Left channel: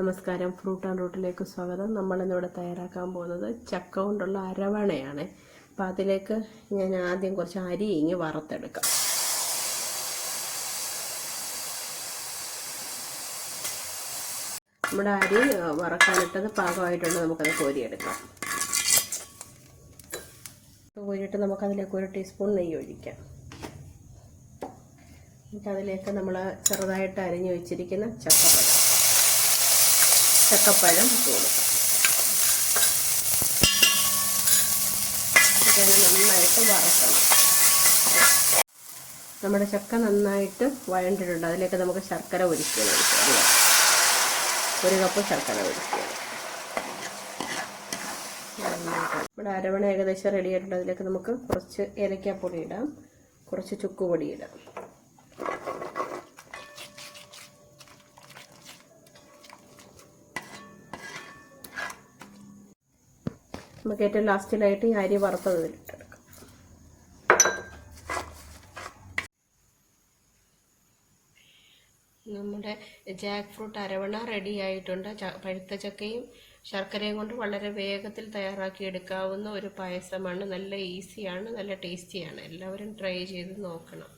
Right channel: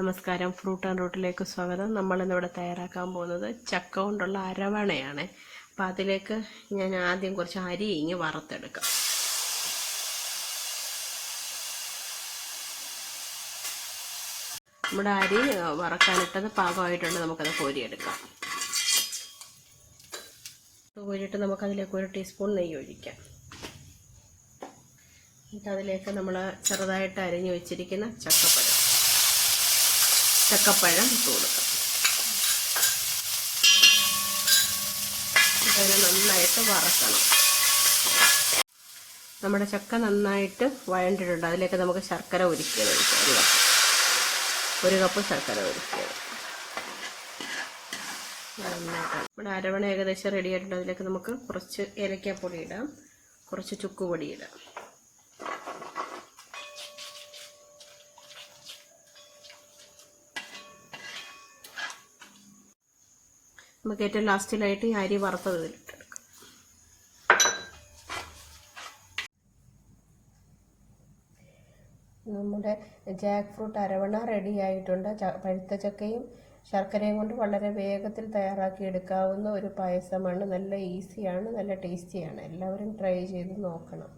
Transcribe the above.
നമസ്കാരം, fruit and റൂട്ടിലേക്ക് സ്വാഗതം. നമ്മളിന്നിവിടെ തയ്യാറാക്കാൻ പോകുന്നത് ചക്ക കൊണ്ടുള്ള അരവണയാണ്. അപ്പം അതിലേക്ക് ഞാൻ ആദ്യം കുറച്ച് അരി വറുത്തെടുക്കാം. നമ്മുടെ അരി വറക്കാനിട്ടത് പാകമായിട്ടുണ്ട്. നമുക്കത് കോരിയെടുക്കാം. കോരിയിട്ട് നമുക്കതിലേക്ക് 1 ടീസ്പൂൺ നെയ്യ് ഒഴിക്കാം. എന്നിട്ട് അതിലേക്ക് നമ്മൾ ചെറുതായിട്ട് അരിഞ്ഞു വെച്ചിരിക്കുന്ന ചക്കപ്പഴം കൊടുക്കാം. നന്നായിട്ട് വറക്കണം. നമ്മുടെ ചക്ക നന്നായിട്ട് വഴണ്ടിട്ടുണ്ട്. അതിലേക്ക് നമുക്ക് ശർക്കര ഉരുക്കിയത് 1 കപ്പ് ശർക്കര ഉരുക്കിയത്. നമ്മുടെ അരവണ ഏകദേശം റെഡി ആയിട്ടുണ്ട്. അതിലേക്ക് നമുക്ക് കുറച്ച് ഏലക്കാപ്പൊടി ഇടാം, കുറച്ച് ചുക്കുപൊടി ഇടാം. നമുക്ക് ഏറ്റവും ലാസ്റ്റിലായിട്ട് ഈ അരി വറുത്തത് ഇതിലിട്ടെടുക്കാം. നമ്മുടെ ജാക്ക് ഫ്രൂട്ട് അരവണ റെഡി ആയിട്ടുണ്ട്. പഴുത്ത ചക്കയും ശർക്കരയും കൊണ്ട് വളരെ വേഗത്തിൽ തയ്യാറാക്കി എടുക്കാവുന്ന ഒരു പായസമാണ്. നല്ല ഈസിയാണ്, നല്ല ടേസ്റ്റിയാണ്. എല്ലാവരും ട്രൈ ചെയ്ത് നോക്കണം.